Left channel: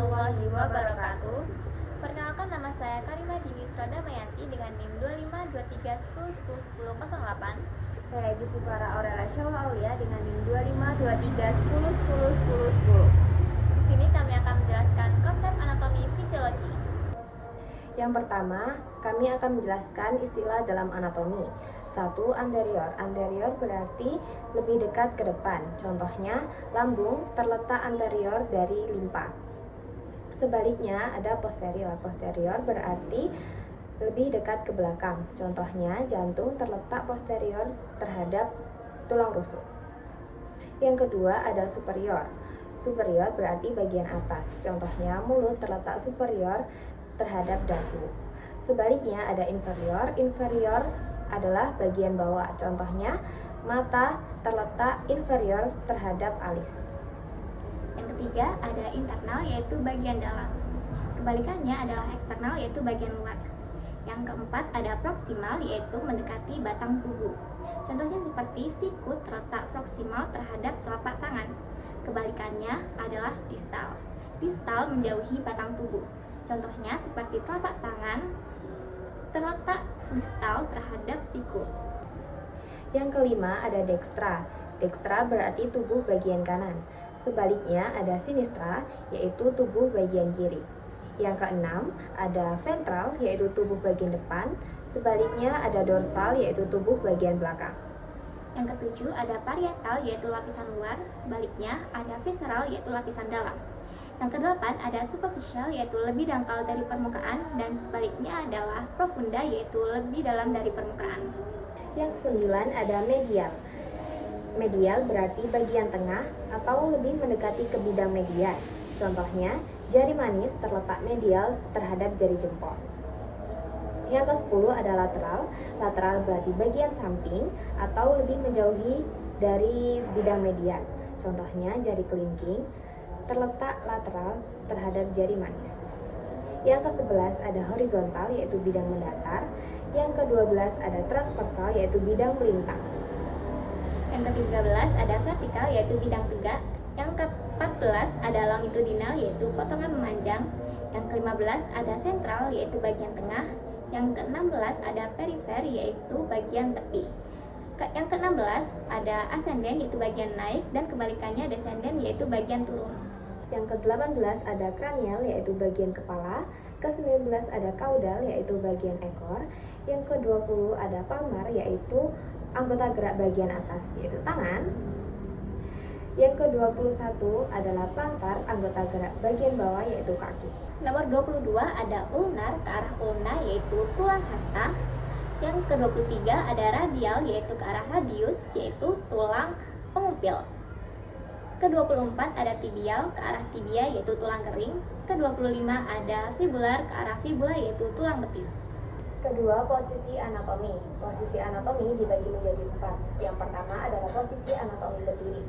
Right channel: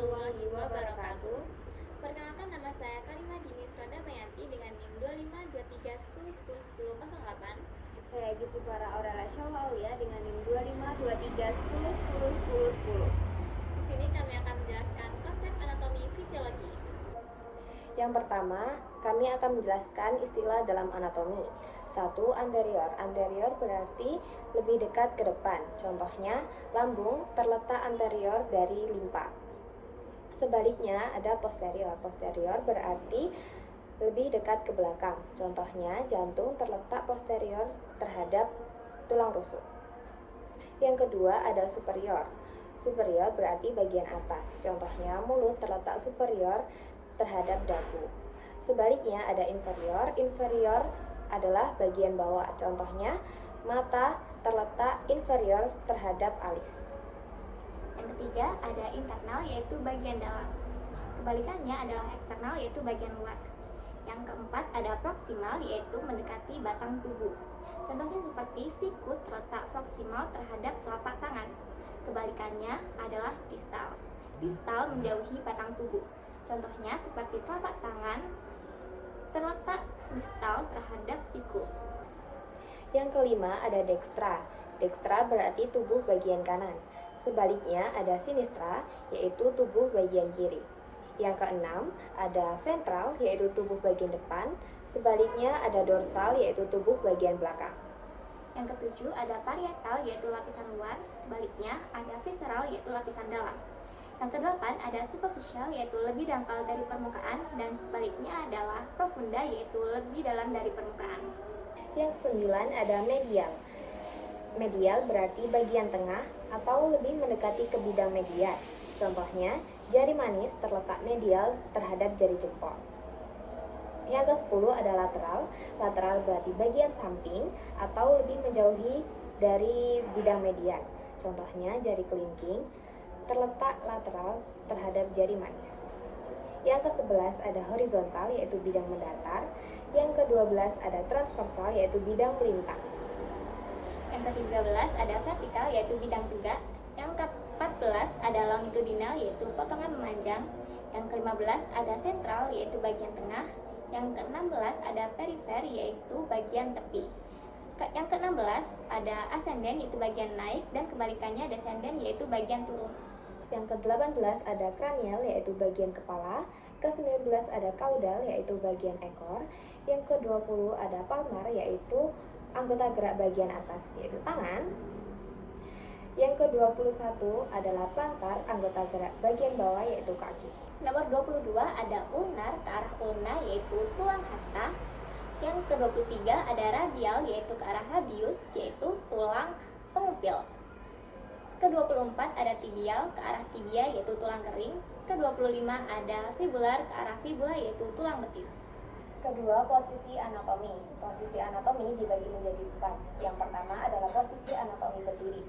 warahmatullahi wabarakatuh. Perkenalkan, nama saya Karimah Dini Sradamayanti dengan NIM 252310101008. Saya Gisufara Aurela Syawal Aulia dengan NIM 252310101010. Di sini kami akan menjelaskan konsep anatomi fisiologi. Yang pertama, kami akan menjelaskan istilah dalam anatomi. 1. Anterior. Anterior berarti lebih dekat ke depan. Contohnya, lambung terletak anterior dari limpa. Sebaliknya ada posterior. Posterior berarti lebih dekat ke belakang. Contohnya, jantung terletak posterior terhadap tulang rusuk. Yang kedua ada superior. Superior berarti bagian atas. Contohnya, mulut terletak superior terhadap dagu. Sebaliknya ada inferior. Inferior adalah bagian bawah. Contohnya, mata terletak inferior terhadap alis. Yang ketiga ada internal, yaitu bagian dalam. Kebalikannya adalah eksternal, yaitu bagian luar. Yang keempat ada proksimal, yaitu mendekati batang tubuh. Contohnya seperti siku terletak proksimal terhadap telapak tangan. Kebalikannya adalah distal. Distal menjauhi batang tubuh. Contohnya seperti telapak tangan terletak distal terhadap siku. Yang kelima ada dextra. Dextra berarti tubuh bagian kanan. Sebaliknya ada sinistra, yaitu tubuh bagian kiri. Yang keenam ada ventral, yaitu tubuh bagian depan. Sebaliknya ada dorsal, yaitu tubuh bagian belakang. Yang ketujuh ada parietal, yaitu lapisan luar. Sebaliknya ada visceral, yaitu lapisan dalam. Yang kedelapan ada superficial, yaitu lebih dangkal dari permukaan, dan sebaliknya adalah profunda, yaitu lebih dalam dari permukaan. Yang kesembilan ada medial. Medial berarti bagian tengah atau lebih mendekati ke bidang median. Contohnya, jari manis terletak medial terhadap jari jempol. Yang ke-10 ada lateral. Lateral berarti bagian samping atau lebih menjauhi dari bidang median. Contohnya, jari kelingking terletak lateral terhadap jari manis. Yang ke-11 ada horizontal, yaitu bidang mendatar. Yang ke-12 ada transversal, yaitu bidang melintang. Yang ke-13 ada vertikal, yaitu bidang tegak. Yang ke-14 ada longitudinal, yaitu potongan memanjang. Dan ke-15 ada sentral, yaitu bagian tengah. Yang ke-16 ada perifer, yaitu bagian tepi. Yang ke-16 ada ascending, yaitu bagian naik, dan kebalikannya descending, yaitu bagian turun. Yang ke-18 ada kranial, yaitu bagian kepala. Ke-19 ada caudal, yaitu bagian ekor. Yang ke-20 ada palmar, yaitu anggota gerak bagian atas, yaitu tangan. Yang ke-21 adalah plantar, anggota gerak bagian bawah, yaitu kaki. Nomor 22 ada ulnar, ke arah ulna, yaitu tulang hasta. Yang ke-23 ada radial, yaitu ke arah radius, yaitu tulang pengupil. Ke-24 ada tibial, ke arah tibia, yaitu tulang kering. Ke-25 ada fibular, ke arah fibula, yaitu tulang betis. Kedua, posisi anatomi. Posisi anatomi dibagi menjadi 4. Yang pertama adalah posisi anatomi berdiri,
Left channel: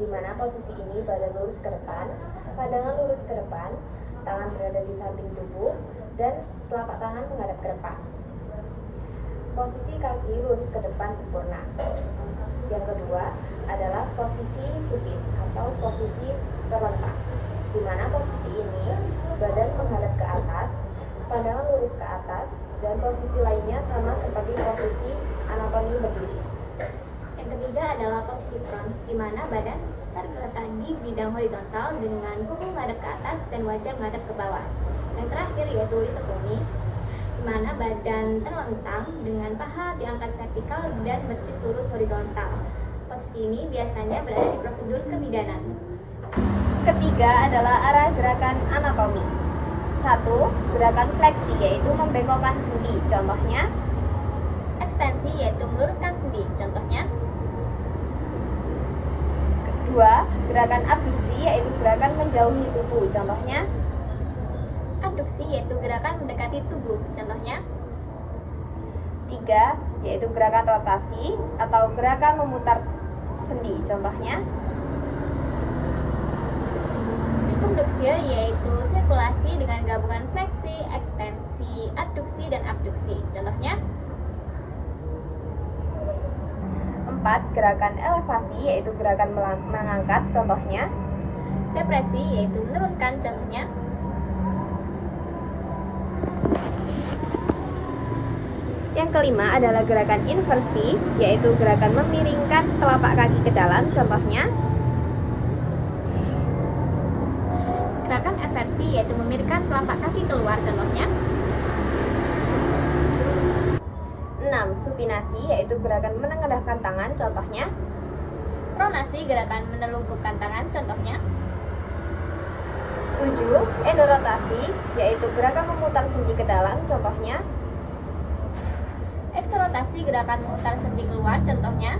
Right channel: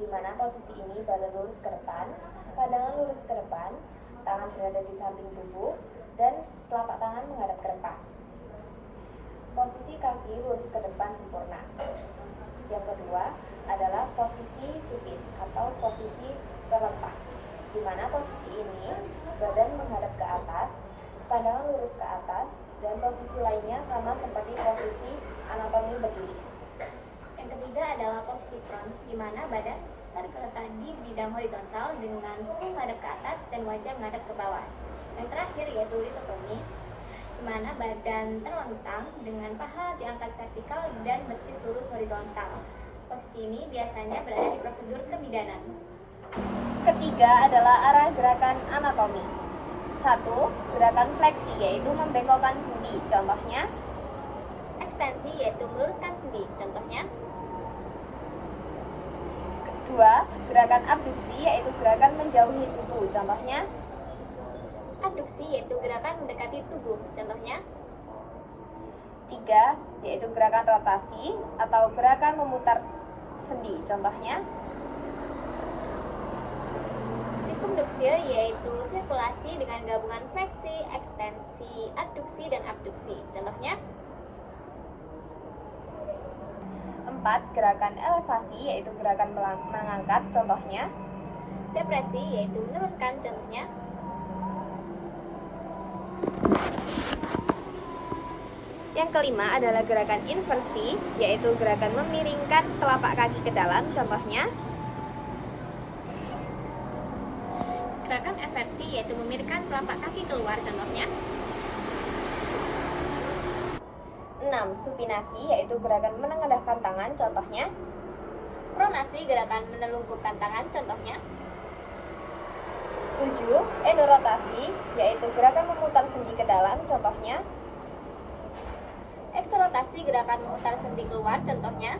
di mana posisi ini badan lurus ke depan, pandangan lurus ke depan, tangan berada di samping tubuh, dan telapak tangan menghadap ke depan. Posisi kaki lurus ke depan sempurna. Yang kedua adalah posisi supin atau posisi terletak, di mana posisi ini badan menghadap ke atas, pandangan lurus ke atas, dan posisi lainnya sama seperti posisi anatomi berdiri. Yang ketiga adalah posisi prone, di mana badan terletak di bidang horizontal dengan punggung menghadap ke atas dan wajah menghadap ke bawah. Yang terakhir yaitu litotomi, di mana badan terlentang dengan paha diangkat vertikal dan betis lurus horizontal. Posisi ini biasanya berada di prosedur kebidanan. Ketiga adalah arah gerakan anatomi. 1. Gerakan fleksi, yaitu membengkokkan sendi. Contohnya, Ekstensi, yaitu meluruskan sendi. Contohnya, kedua, gerakan abduksi, yaitu gerakan menjauhi tubuh. Contohnya, abduksi, yaitu gerakan mendekati tubuh. Contohnya, 3. Yaitu gerakan rotasi atau gerakan memutar sendi. Contohnya, subduksi, yaitu sirkulasi dengan gabungan fleksi, ekstensi, adduksi, dan abduksi. Contohnya, 4. Gerakan elevasi, yaitu gerakan mengangkat. Contohnya, Depresi yaitu menurunkan, contohnya Yang kelima adalah gerakan inversi, yaitu gerakan memiringkan telapak kaki ke dalam, contohnya gerakan eversi yaitu memiringkan telapak kaki keluar, contohnya 6. Supinasi, yaitu gerakan menengadahkan tangan, contohnya pronasi, gerakan menelungkupkan tangan, contohnya 7. Endorotasi, yaitu gerakan memutar sendi ke dalam, contohnya eksorotasi, gerakan memutar sendi keluar, contohnya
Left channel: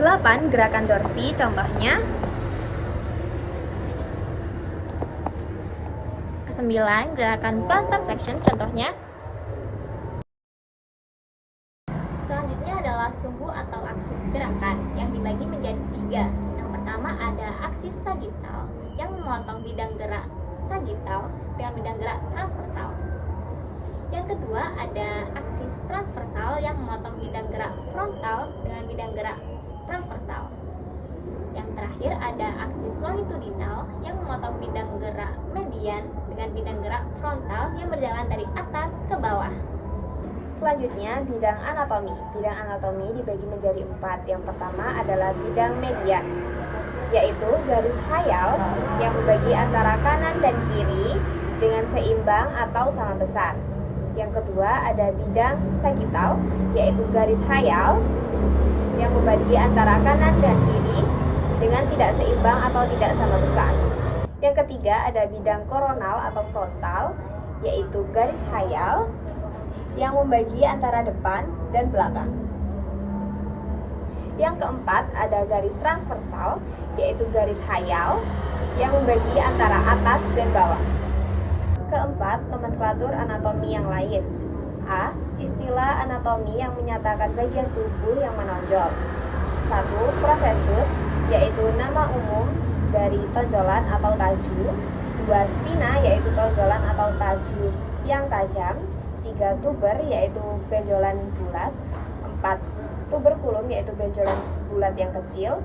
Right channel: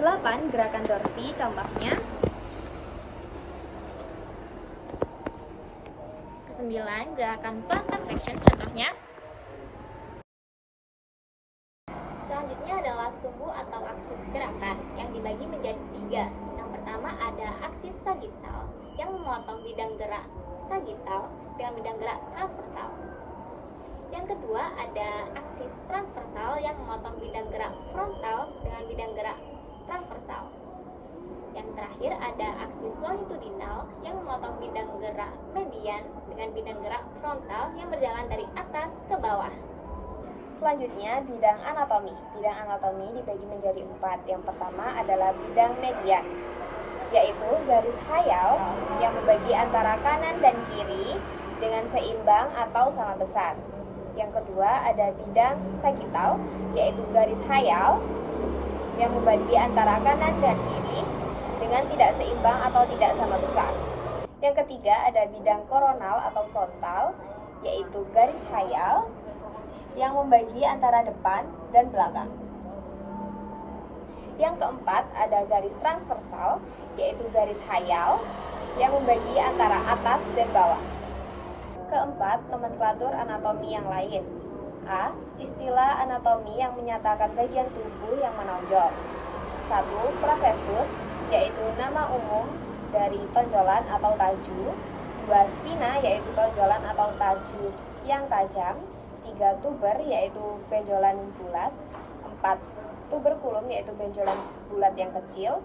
8. Gerakan dorsi, contohnya 9. Gerakan plantar flexion, contohnya. Selanjutnya adalah sumbu atau aksis gerakan yang dibagi menjadi 3. Yang pertama ada aksis sagital yang memotong bidang gerak sagital dengan bidang gerak transversal. Yang kedua ada aksis transversal yang memotong bidang gerak frontal dengan bidang gerak transversal. Yang terakhir ada aksis longitudinal yang memotong bidang gerak median dengan bidang gerak frontal yang berjalan dari atas ke bawah. Selanjutnya, bidang anatomi. Bidang anatomi dibagi menjadi 4. Yang pertama adalah bidang median, yaitu garis khayal yang membagi antara kanan dan kiri dengan seimbang atau sama besar. Yang kedua ada bidang sagital, yaitu garis khayal yang membagi antara kanan dan kiri dengan tidak seimbang atau tidak sama besar. Yang ketiga ada bidang koronal atau frontal, yaitu garis khayal yang membagi antara depan dan belakang. Yang keempat ada garis transversal, yaitu garis khayal yang membagi antara atas dan bawah. Keempat, nomenklatur anatomi yang lain. A. Istilah anatomi yang menyatakan bagian tubuh yang menonjol. 1. Prosesus, yaitu nama umum dari tonjolan atau taju. 2. Spina, yaitu tonjolan atau taju yang tajam. 3. Tuber, yaitu benjolan bulat. 4. Tuberculum, yaitu benjolan bulat yang kecil.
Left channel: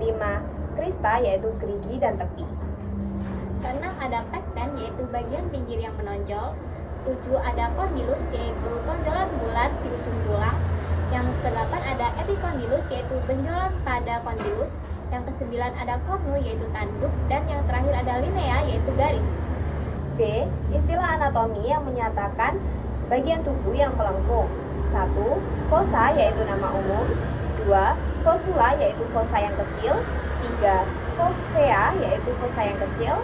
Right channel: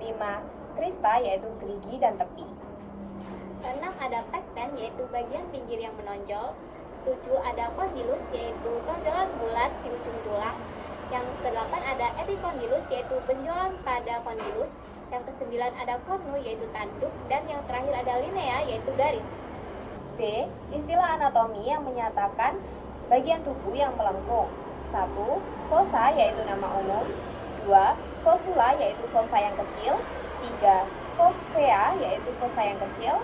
5. Crista, yaitu gerigi dan tepi. 6. Ada pecten, yaitu bagian pinggir yang menonjol. 7. Ada condylus, yaitu tonjolan bulat di ujung tulang. Yang ke-8 ada epicondylus, yaitu benjolan pada condylus. Yang ke-9 ada cornu, yaitu tanduk. Dan yang terakhir ada linea, yaitu garis. B. Istilah anatomi yang menyatakan bagian tubuh yang melengkung. 1. Fossa, yaitu nama umum. 2. Fossula, yaitu fossa yang kecil. 3. Fovea, yaitu fossa yang kecil.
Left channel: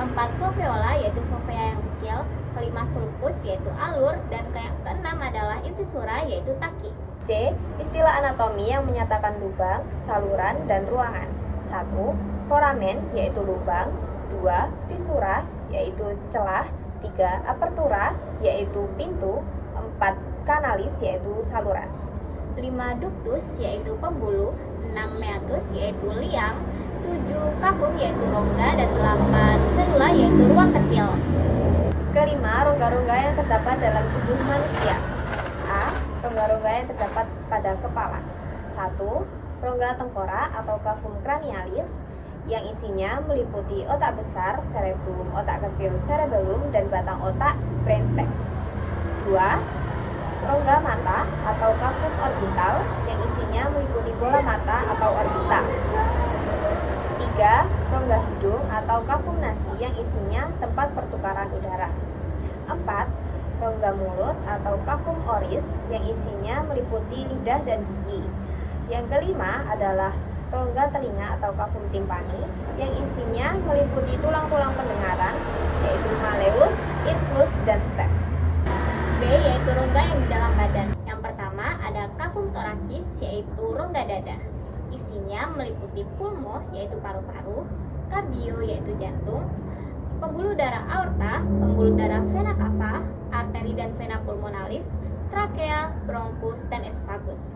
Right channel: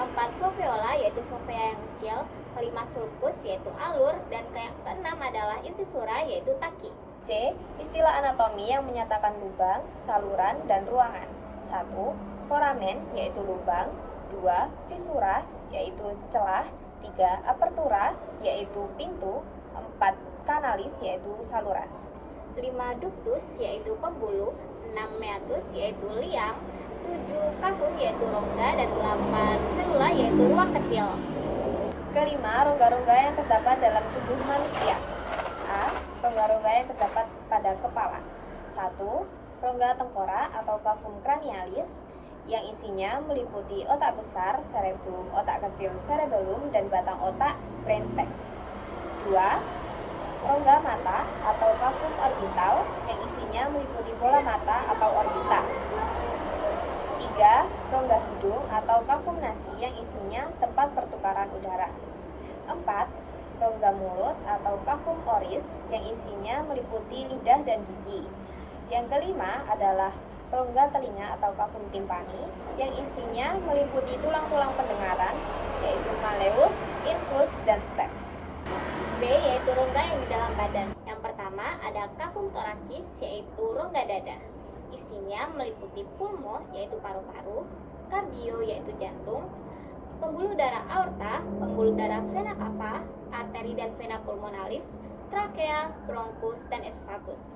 4. Foveola, yaitu fovea yang kecil. 5. Sulcus, yaitu alur. Dan yang ke-6 adalah incisura, yaitu taki. C. Istilah anatomi yang menyatakan lubang, saluran, dan ruangan. 1. Foramen, yaitu lubang. 2. Fissura, yaitu celah. 3. Apertura, yaitu pintu. 4. Kanalis, yaitu saluran. 5. Ductus, yaitu pembuluh. 6. Meatus, yaitu liang. 7. Cavum, yaitu rongga. Dan 8. Cellula, yaitu ruang kecil. Kelima, rongga-rongga yang terdapat dalam tubuh manusia. A. Rongga-rongga yang terdapat pada kepala. 1. Rongga tengkorak atau cavum cranialis yang isinya meliputi otak besar, cerebrum, otak kecil, cerebellum, dan batang otak, brainstem. 2. Rongga mata atau cavum orbital yang isinya meliputi bola mata atau orbita. 3. Rongga hidung atau cavum nasi yang isinya tempat pertukaran udara. 4. Rongga mulut atau cavum oris yang isinya meliputi lidah dan gigi. Yang kelima adalah rongga telinga atau cavum timpani yang isinya meliputi tulang-tulang pendengaran, yaitu malleus, infus, dan stapes. B. Yaitu rongga yang di dalam badan. Yang pertama ada cavum thoracis, yaitu rongga dada. Isinya meliputi pulmo, yaitu paru-paru, kardio, yaitu jantung, pembuluh darah aorta, pembuluh darah vena cava, arteri dan vena pulmonalis, trakea, bronkus, dan esophagus.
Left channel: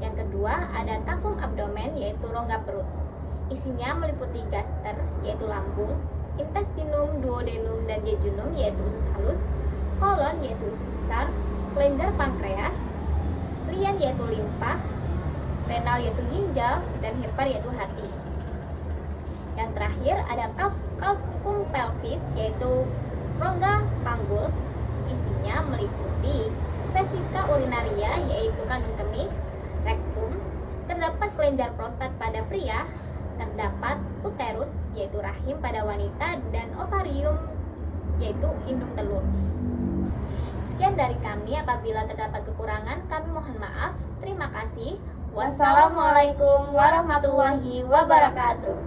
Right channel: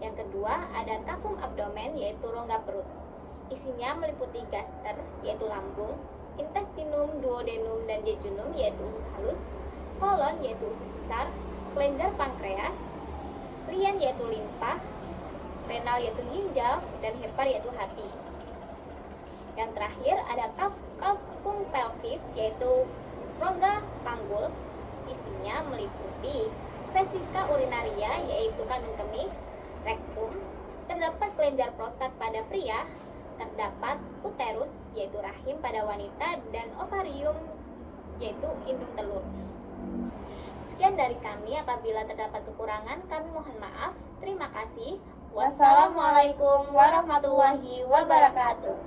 Yang kedua ada cavum abdomen, yaitu rongga perut. Isinya meliputi gaster, yaitu lambung, intestinum, duodenum, dan jejunum, yaitu usus halus, kolon, yaitu usus besar, kelenjar pankreas, lien, yaitu limpa, renal yaitu ginjal, dan hepar yaitu hati. Yang terakhir ada cavum pelvis yaitu rongga panggul, isinya meliputi vesika urinaria yaitu kandung kemih, rektum, terdapat kelenjar prostat pada pria, terdapat uterus yaitu rahim pada wanita, dan ovarium yaitu indung telur. Sekian dari kami, apabila terdapat kekurangan kami mohon maaf. Terima kasih. Wassalamualaikum warahmatullahi wabarakatuh.